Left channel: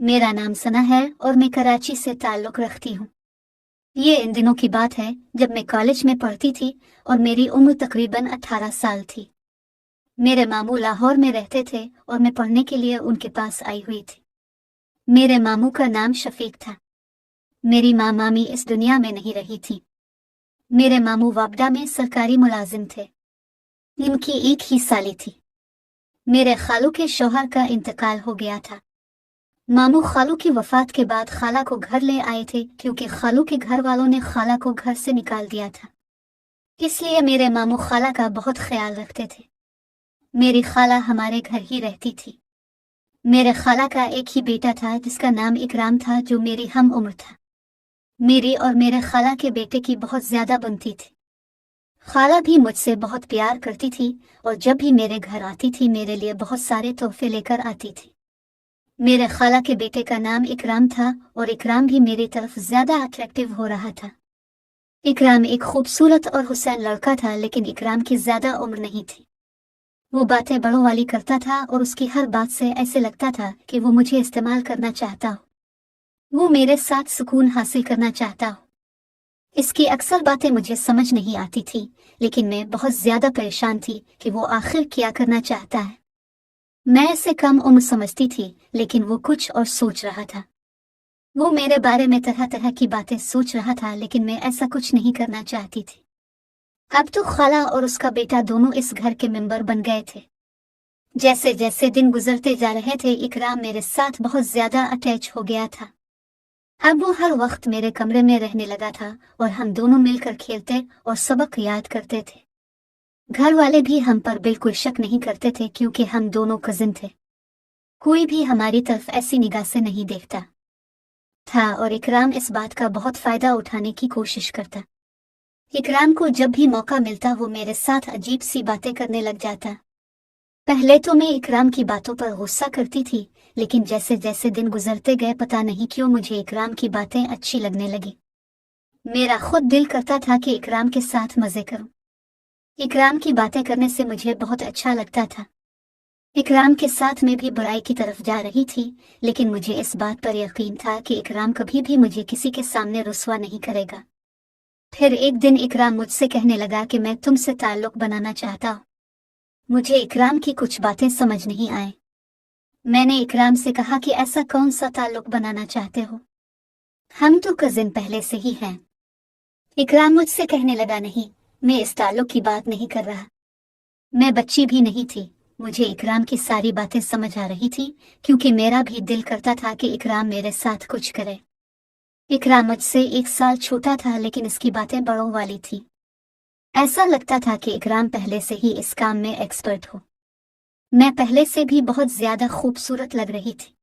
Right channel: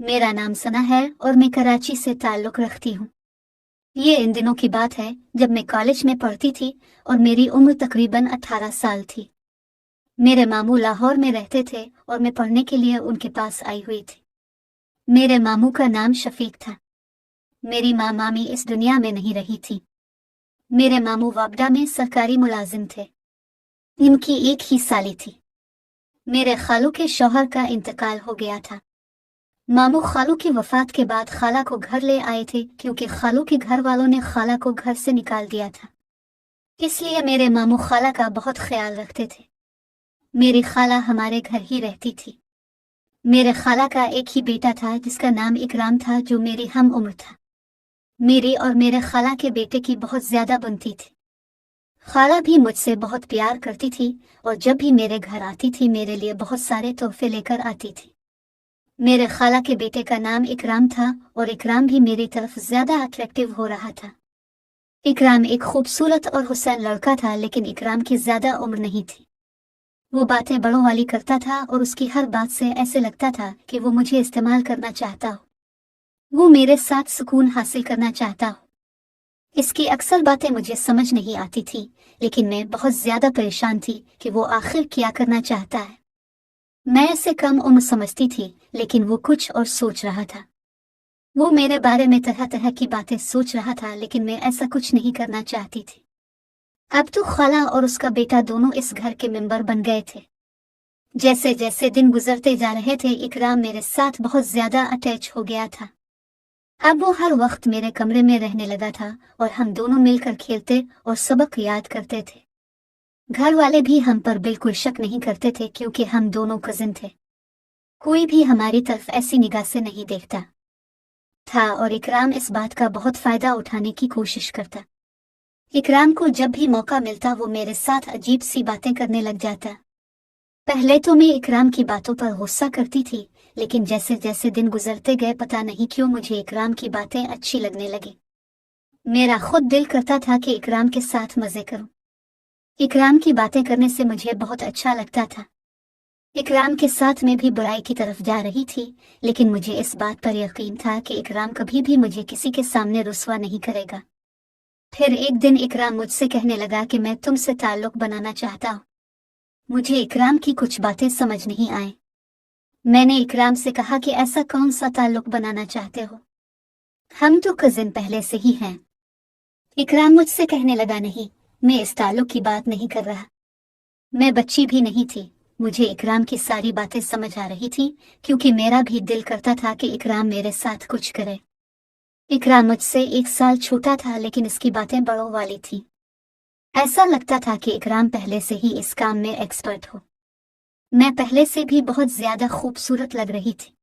मेरा नाम सना है और मैं कराची से ताल्लुक़ रखती हूँ। ये इन दिनों की बात है जब मैं कॉलेज में पढ़ती थी और मेरी उम्र तकरीबन 18 साल थी। मेरे मामू लाहौर में रहते थे और मैं पढ़ने के लिए उनके पास आई हुई थी। मेरे मामू का नाम शफीक था। मेरी माँ मामी इस दुनिया में नहीं रही थी। मेरे मामू वापडा में सरकारी मुलाजिम थे। इनकी एक ही साली थी। मेरे खालू के शौहर का इंतकाल हो गया था। मामू खालू की वफात के बाद खाला को घर ले आए थे क्योंकि खालू के घर वालों ने खाला को घर से निकाल दिया था। इसलिए मेरे मामू खाला का बहुत ख्याल रखते थे। मेरी खाला हमारे घर ही रहती थी। मेरे खाला का एक ही बेटा था जिसका नाम इकराम था, जो मेरी हम उम्र था। मेरी और मेरे खाला के बेटे की बहुत ज्यादा बनती थी। खाला भी मुझसे बहुत प्यार करती थी और जब भी मेरे घर आती थी मेरे लिए बहुत सारे तोहफे लेकर आती थी। मेरे खाला के बेटे का नाम इकराम था और इकराम भी मेरी तरफ ज्यादा अट्रैक्टिव हो रहा था। इकराम एक खूबसूरत और हुसैन लड़का था, लेकिन इकराम की ज्यादा उम्र नहीं थी। वो बातें बड़ों वाली करता था और उसकी हर बात से ऐसे लगता था कि वो मुझे इस्तेमाल करना चाहता हो। वो मेरे साथ सुकून हासिल करना चाहता हो। इसकी अक्सर बातें मुझे समझ नहीं आती थी, लेकिन मैं बहुत ज्यादा परेशान थी कि वो आखिर क्या करना चाहता है। मैं इसे कम उम्र समझती थी, लेकिन वो कुछ और सोच रहा था। वो मेरे बारे में तरह तरह की बातें सोच रहा था, लेकिन मैं ऐसा कुछ नहीं करना चाहती थी। अब तो खाला और उसका बेटा दोनों इस घर के मेंबर बन गए थे। जैसे जैसे दिन गुजरते जा रहे थे, इकराम मेरे साथ बहुत ज्यादा अटैच हो गया था। अब वो हर वक्त मेरे कमरे में रहने लगा था और हम दोनों मिलकर खेलते और सबक याद करते थे। घर वाले भी हम पर बिल्कुल शक नहीं करते थे क्योंकि हम दोनों कजिन थे। कोई भी हमारी तरफ ऐसी निगाह से नहीं देखता था और इकराम इस बात का बहुत फायदा उठाने की कोशिश करता। इकराम को जब भी मौका मिलता वो मेरे साथ अजीब सी बातें करने लग जाता। पहले तो मैं इकराम की बातों पर गुस्सा करती थी, लेकिन जैसे जैसे दिन गुजरते गए पता नहीं क्यों मुझे इकराम की बातें अच्छी लगने लगी। मेरा खुद दिल करता था कि इकराम के साथ मजे करूं। इकराम की बातें करने से मुझे बहुत अच्छा लगता था। इकराम के साथ मैं भी बुराई की तरफ जा रही थी, लेकिन मुझे इस बात पर यकीन था कि इकराम कभी भी मुझे किसी के सामने रुस्वा नहीं करेगा। फिर एक दिन इकराम मुझसे कहने लगा कि मैं तुमसे ताल्लुक बनाना चाहता हूँ। मुझे इकराम की कुछ बातें समझ नहीं आए। मैंने इकराम से कहा कि ऐसा कौन सा ताल्लुक बनाना चाहते हो? हम तो कजिन पहले से ही हैं। इकराम मुझसे कहने लगा, नहीं, मैं इस ताल्लुक की बात नहीं कर रहा। मैं बच्ची भी नहीं थी। मुझे इकराम की सारी बातें समझ आ रही थी क्योंकि मेरा भी दिल करता था कि इकराम मेरे साथ कुछ करे। इकराम मुझसे 1 साल छोटा था, लेकिन इसकी बातें बड़ों वाली थी। ऐसा लगता था कि इकराम पहले से ही इस काम में एक्सपर्ट हो। मैं पहले से भी बहुत ज्यादा खूबसूरत लग रही थी।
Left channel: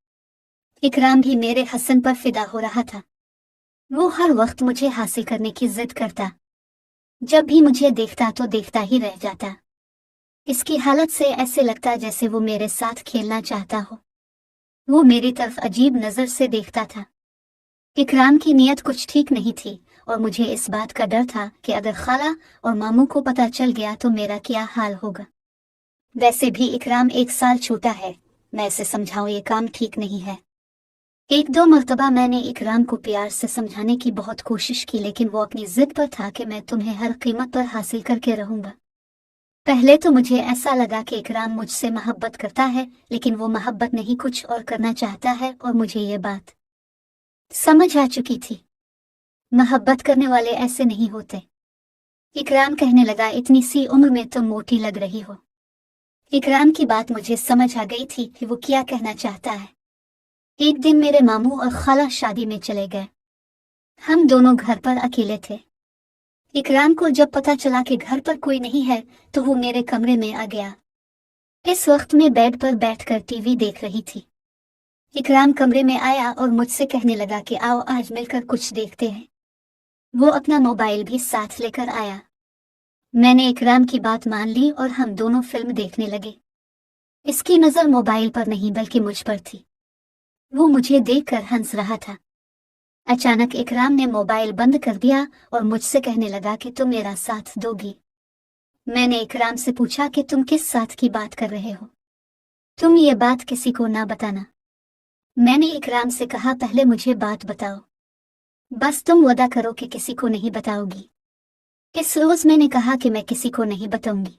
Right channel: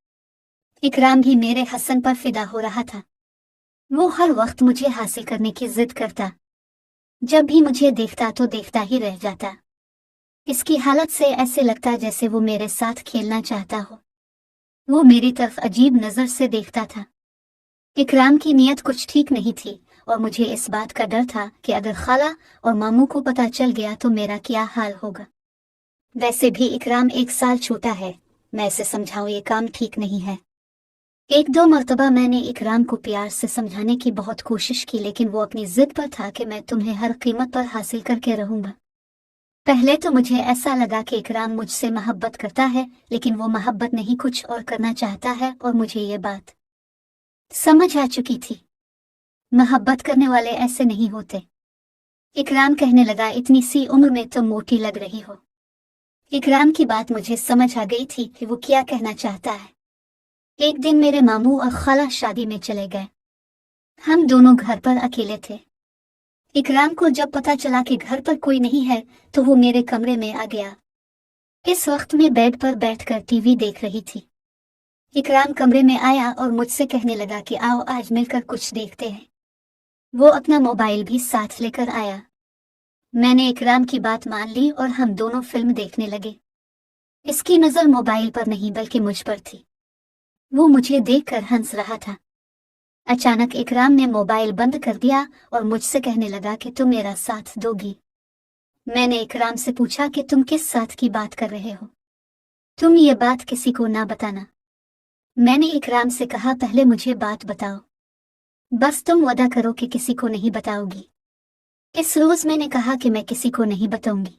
इकराम भी मेरे हसन पर फिदा हो रहा था। वो हर वक्त मुझे हासिल करने की जिद करता। जब भी मुझे देखता तो देखता ही रह जाता। इसकी हालत से ऐसे लगता जैसे वो मेरे साथ खेलना चाहता हो। वो मेरी तरफ अजीब नजर से देखता था। इकराम की नीयत कुछ ठीक नहीं थी और मुझे इस बात का डर था कि अगर खाला और मामू को पता चल गया तो मेरा क्या हाल होगा। वैसे भी इकराम 1 साल छोटा है। मैं इसे समझाऊं ये काम ठीक नहीं है। 1-2 मर्तबा मैंने इकराम को प्यार से समझाने की बहुत कोशिश की, लेकिन वो अपनी जिद पर था कि मैं तुम्हें हर कीमत पर हासिल करके रहूंगा। पहले तो मुझे ऐसा लगा कि इकराम मुझसे मोहब्बत करता है, लेकिन वो मोहब्बत नहीं कुछ और करना चाहता है और मुझे ये बात समझ आ चुकी थी। मोहब्बत करने वाले ऐसे नहीं होते। इकराम कहने लगा, इतनी सी उम्र में तुम मोटी लग रही हो। इकराम की बात मुझे समझ आ गई थी कि वो क्या कहना चाहता है। एक दिन मेरे मामू और खाला शादी में चले गए। हम दोनों घर पर अकेले थे। इकराम को जब पता चला कि घर पर कोई नहीं है तो वो मेरे कमरे में आ गया। इस वक्त मैं बेड पर बैठकर टीवी देख रही थी। इकराम कमरे में आया और मुझसे कहने लगा कि आओ आज मिलकर कुछ देखते हैं। वो अपना मोबाइल भी साथ लेकर आया। मैंने इकराम की बात मान ली और हम दोनों फिल्म देखने लगे। इसकी नजर मोबाइल पर नहीं बल्कि मुझ पर थी। वो मुझे देखकर हंस रहा था। अचानक इकराम ने मोबाइल बंद कर दिया और मुझसे कहने लगा कि तुम मेरा साथ दोगी। मैंने इकराम से पूछा कि तुम किस साथ की बात कर रहे हो? तुम ये बात किसी को ना बताना। मैंने इकराम से कहा, पहले मुझे बात बताओ, बस तुम वादा करो कि किसी को नहीं बताओगी। इस रोज मैंने कहा कि मैं किसी को नहीं बताऊंगी।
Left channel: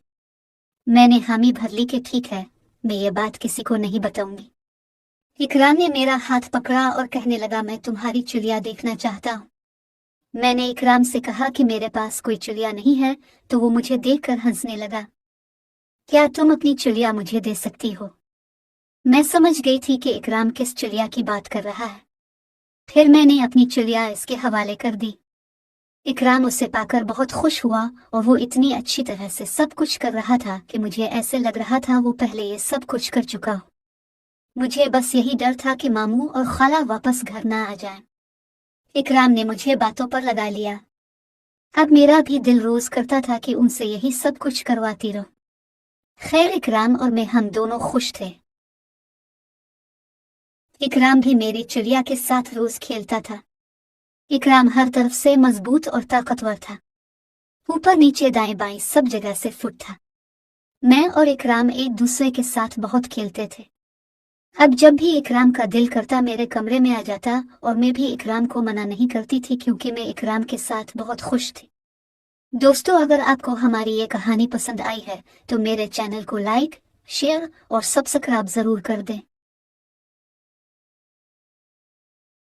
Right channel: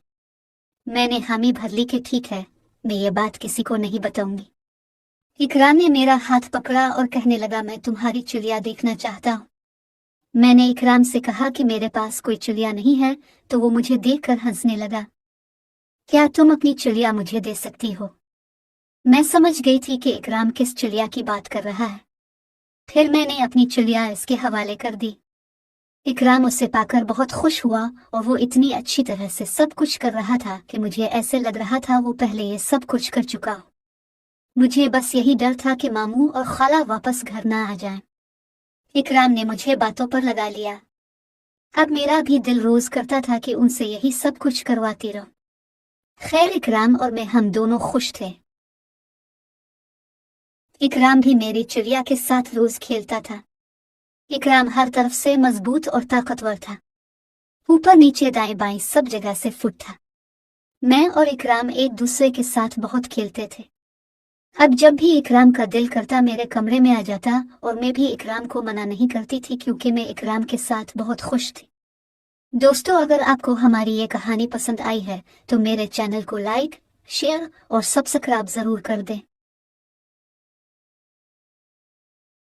मैंने हामी भर ली कि ठीक है, मैं ये बात किसी को नहीं बताऊंगी। इकराम ने मेरा हाथ पकड़ा और कहने लगा, मैं तुम्हारी चिड़िया देखना चाहता हूँ। मैंने इकराम से कहा कि मेरे पास कोई चिड़िया नहीं है, तो वो मुझे देखकर हंसने लगा। क्या तुम अपनी चिड़िया मुझे दे सकती हो? मैं समझ गई थी कि इकराम किस चिड़िया की बात कर रहा है। फिर मैंने अपनी चिड़िया इसके हवाले कर दी। इकराम उसे पाकर बहुत खुश हुआ और वो इतनी अच्छी तरह से सब कुछ कर रहा था कि मुझे ऐसे लग रहा था वो पहले ये सब कुछ कर चुका हो। मुझे बस यही डर था कि मामू और खाला वापस घर ना आ जाएं। इकराम ने मुझे बातों पर लगा लिया। अब मेरा भी दिल रोज करता था कि उनसे यही सब कुछ करवाती रहूं। खैर, इकराम और मैं हम दोनों खुश थे। इकराम भी मेरी चिड़िया के साथ रोज खेलता था। इकराम हर तरफ से मजबूत और ताकतवर था, ऊपर नीचे दाएं बाएं सब जगह से फिट था। मैं और इकराम एक दूसरे के साथ बहुत खेलते थे। अब जब भी इकराम का दिल करता मेरे कमरे में आ जाता और मैं भी इकराम को मना नहीं करती थी क्योंकि मैं इकराम के साथ बहुत खुश थी। दोस्तों, अगर आपको हमारी ये कहानी पसंद आई है तो मेरे चैनल को लाइक, शेयर और सब्सक्राइब जरूर कर दें।